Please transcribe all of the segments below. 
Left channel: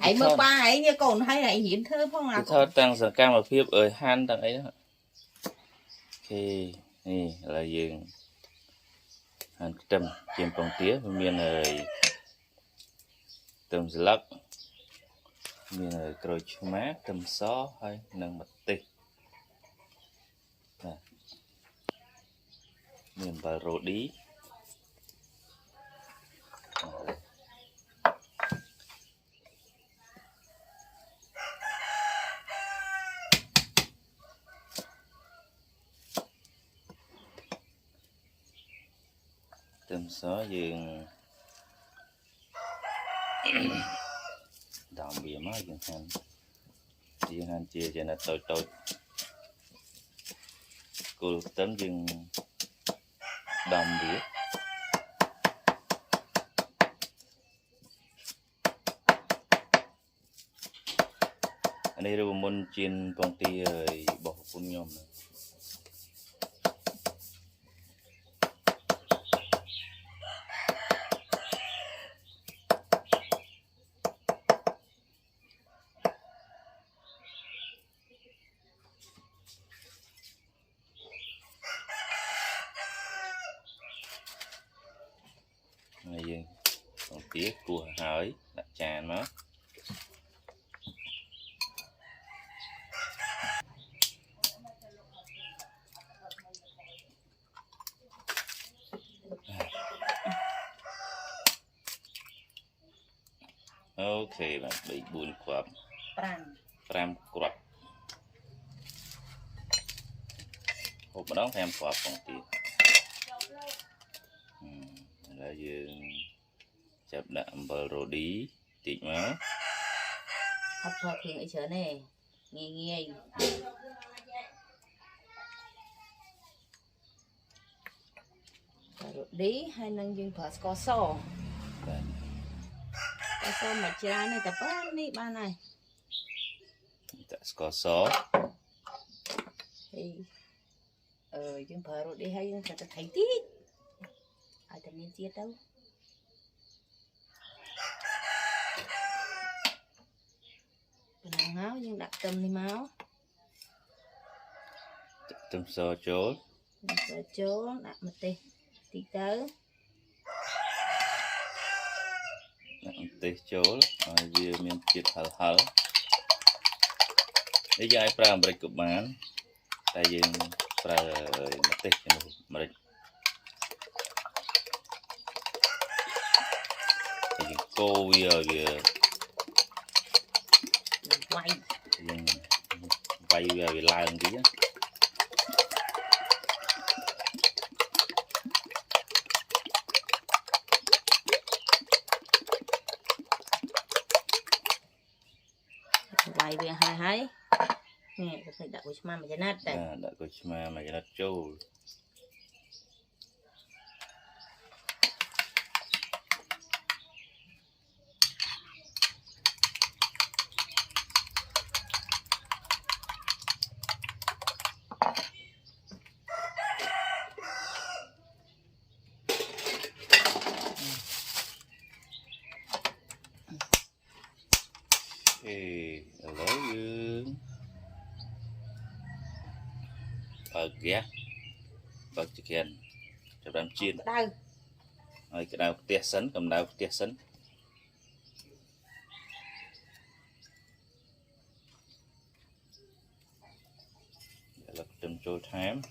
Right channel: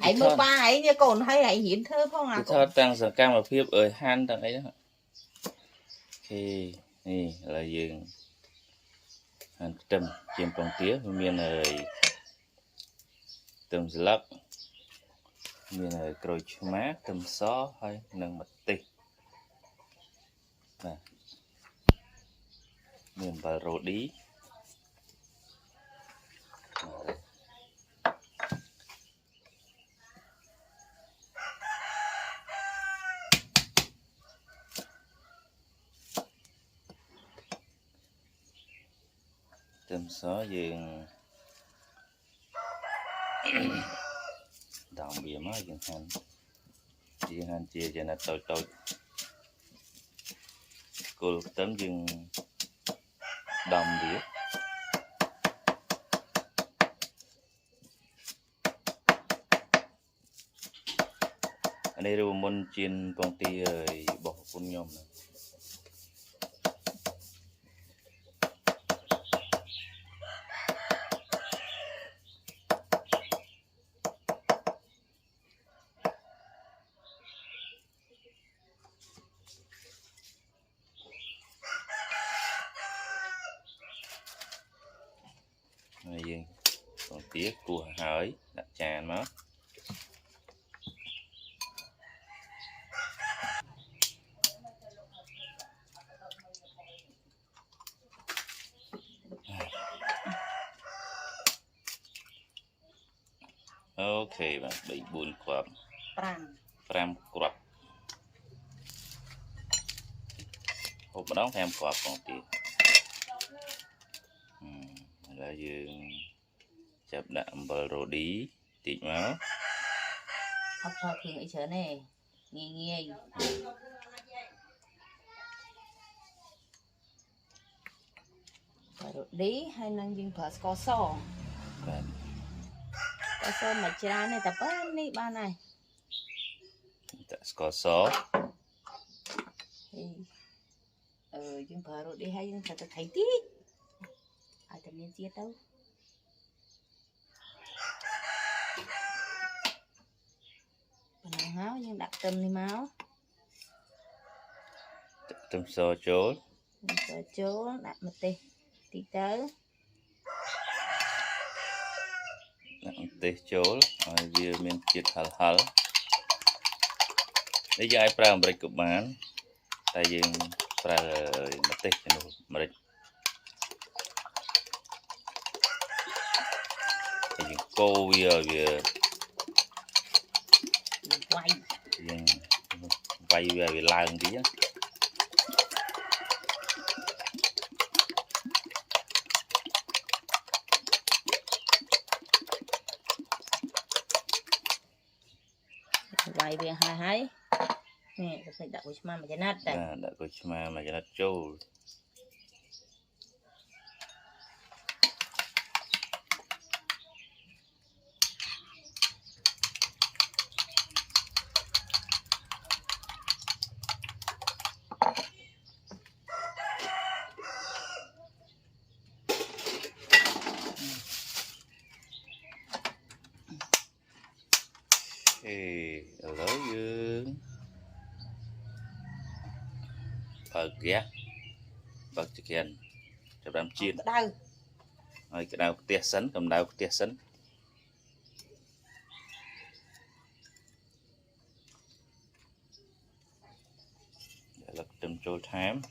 hãy mơ ba hãy như còn hay hãy hiến thơ phong à thôi tăng sản cam mà phiếp ơi han tăng ấy đó khi nè là dừng hàng trăm trên con tía miền này tầm lắc miền này rồi má tầm xó hay nâng mặt tì miền bà rô đi tầm xó dừng đào bìa má dừng hành chia cho nó tôi cô tấm dừng đồng bìa anh đây rồi môn trên công ty bỏ phun nhom này dừng còn tía của hỏi đặt tràn nó ok bạn bị buồn quặp pram quặp hộp đóng thêm quặp còn tiền là dương chập đạm bờ rô đi tịt máu ấp phơ thường ấy chớ này nghe nghe bờ rô đi hay năng dương phở có sò có sò mà chả này tập bán đi ba này có sò thì dương phở rô đi hay dương phở thấy tí ai tập nên chia đâu bằng áo nhưng đặt tâm đi máu tâm sò chốt đặt một tí tới đặt tê chốt rồi vừa miếng thịt hal đây giờ ai pram break của bạn tại vì pram một tê cho nó break thì cô vừa quay về làm tí á quay về hai nè phải đặt của mà cho nát đây đặt của mà cho nó trâu lỡ dương bật ghét bật chicken cho đám chiên rồi cái đào tia sấn cầm đào tia sấn để lật đâm trôi thám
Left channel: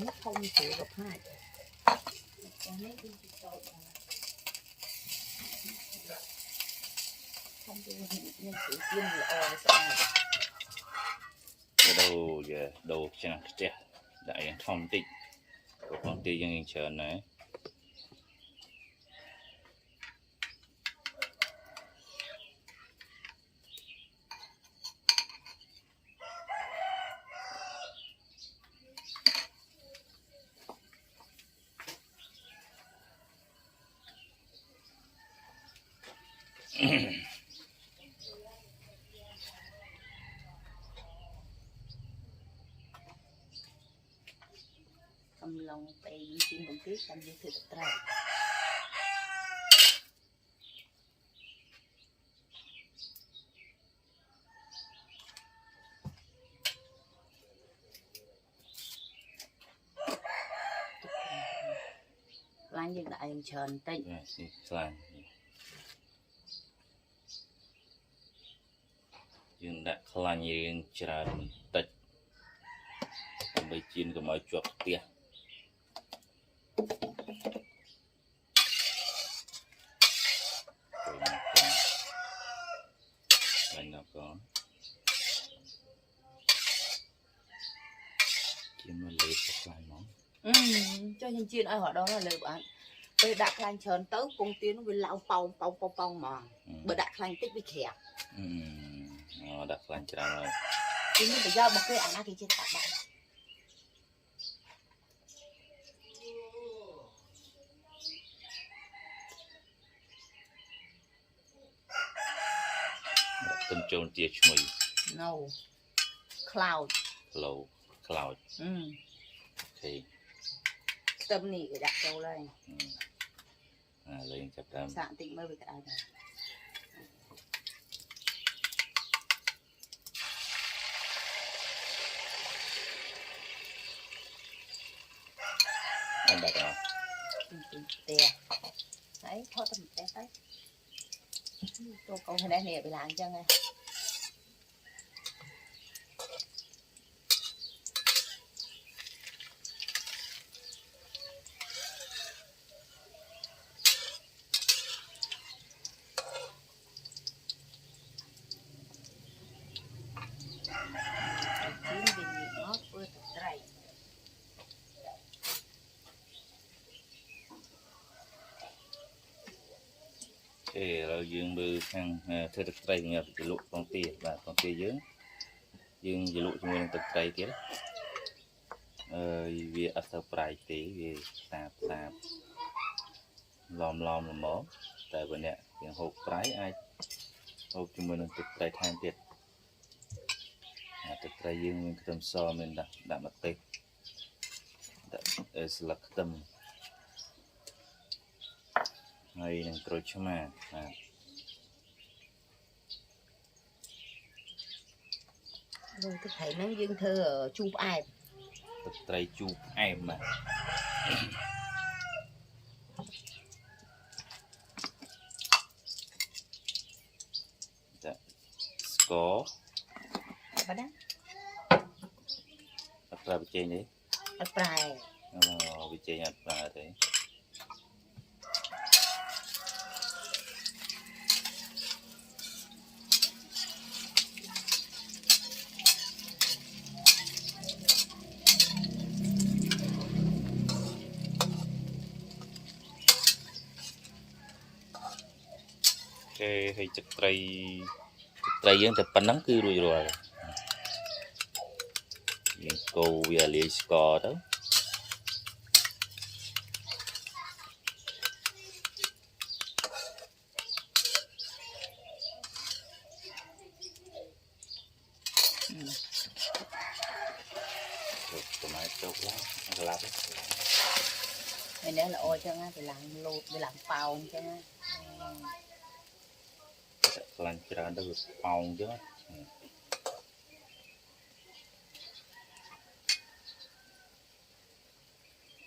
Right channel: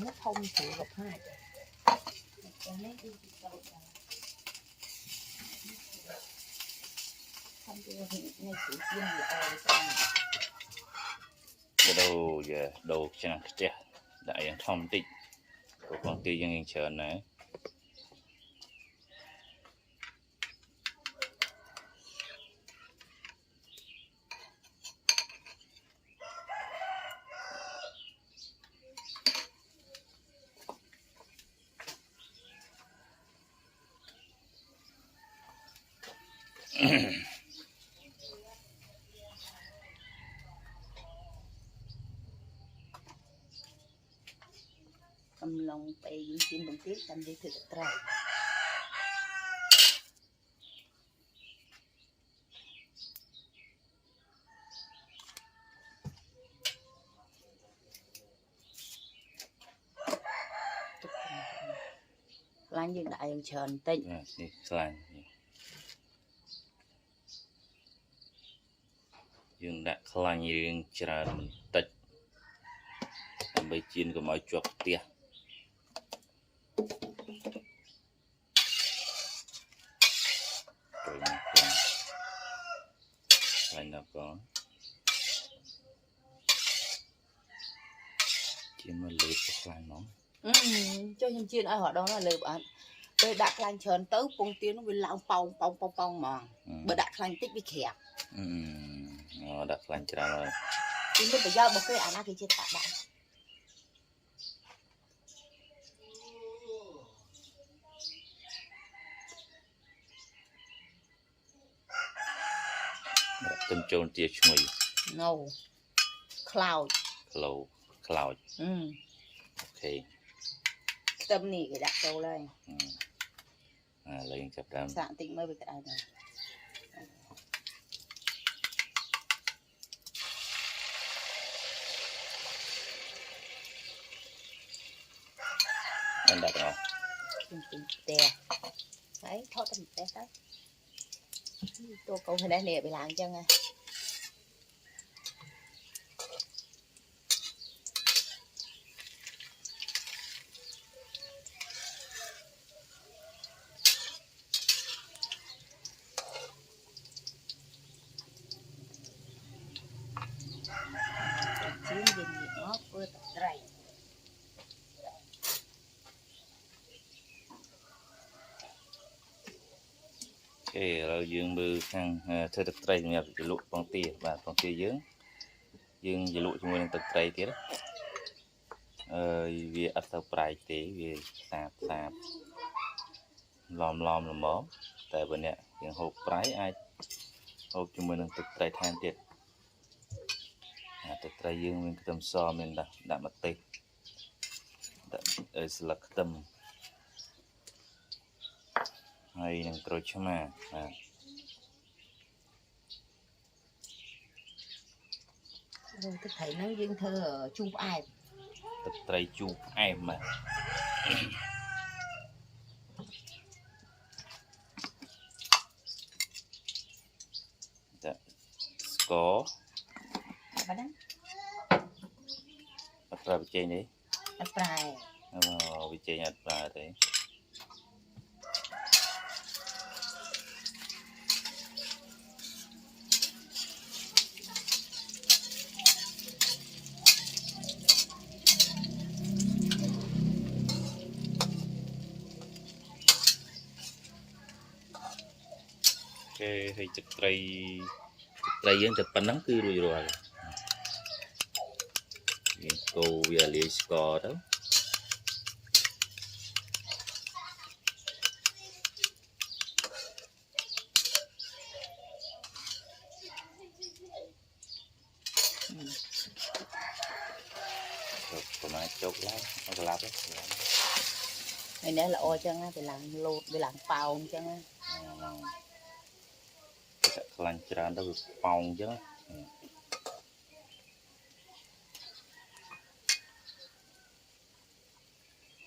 nó không chịu gặp hai không chịu nghe chịu tiên là cái đầu giờ đầu chẳng chết đại thông tịnh của công ty dân hình chờ này cầm lòng bay những chim đồng tiết cầm đi thực trời lan dương đại trần tịnh đi lan dương đã lan dương trần mình tịnh bây chiên của mọi chuột tia rồi nó có chiên mà lệ cho lan nó cho nhân chiên ai họ đâu nó lệ bạn bây đặt lan trần tới công tiến nó bị lão pong mà bây đặt lan tích bị khẹp đặt lan trần rồi nhưng bây giờ một cái ăn thì chết cả bạn tâm trôn tiệt chui no cloud cloud ok tâm nỉ cái đặt câu đây lên chập đam dạng tịnh mới bị cái này anh đặt rồi tè đấy thoát tầm tè đấy tôi câu thế này nè bị lạng chân à rồi dương bư sang thưa thực tây nhập lụa con tia và con tia dương lụa cho mình thực tây kia vì ở sau prai tí vì sạp lòm là móm tại bên nè dương hộp prai ai hộp cho mình thực tây tham tiệt thực tây dương mình tâm so mình đã mặt tê là tâm hay đang trôi cho mà rồi tôi thấy nó dương thơ ở chụp ai thực tây chụp em mà có bắt đó ra bị chơi đấy prai bị chơi nhặt ra đấy thì trực tây dân tập bắn nắng cứ rồi cô bây giờ score đó còn ai chốt lá nó lắp đấy này nữa là ô chân thì làm lột để làm phao chân lan tràn đâu được phong chứ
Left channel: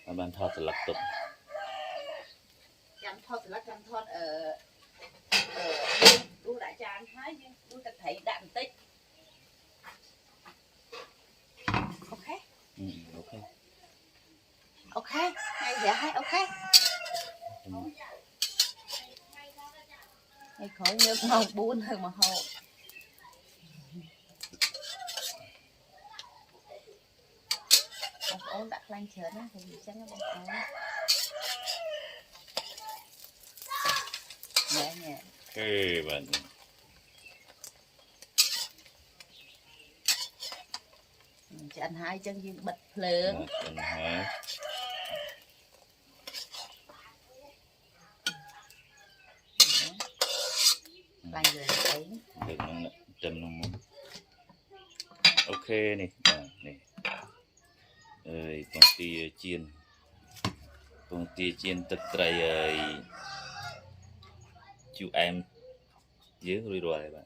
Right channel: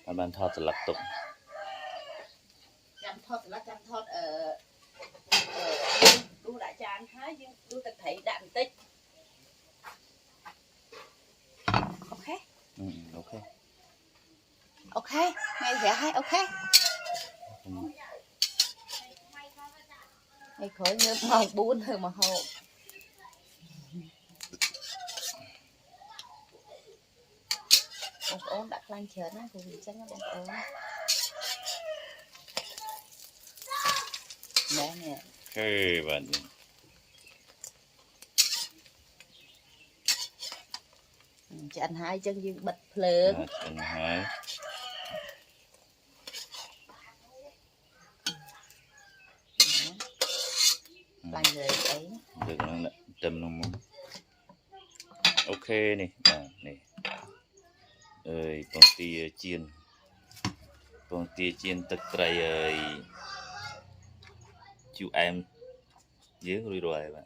bạn thọt thì lật tục chăm thọt ở đu đại tràn thái nhưng đu tập thấy đạn tích ok ok ngay vẻ hay ok ngày khởi như màu bún hơn mà hậu ốm đặt lan chờ nó thì chắc nó đang ốm nè okay bạn cho anh hai chân dương bật lớn anh hai Tầm nó muốn. Ok này, này. Ơi, con tia chiên. Con tia chiên tất trầy ơi. Chú em dưới rồi rồi bạn.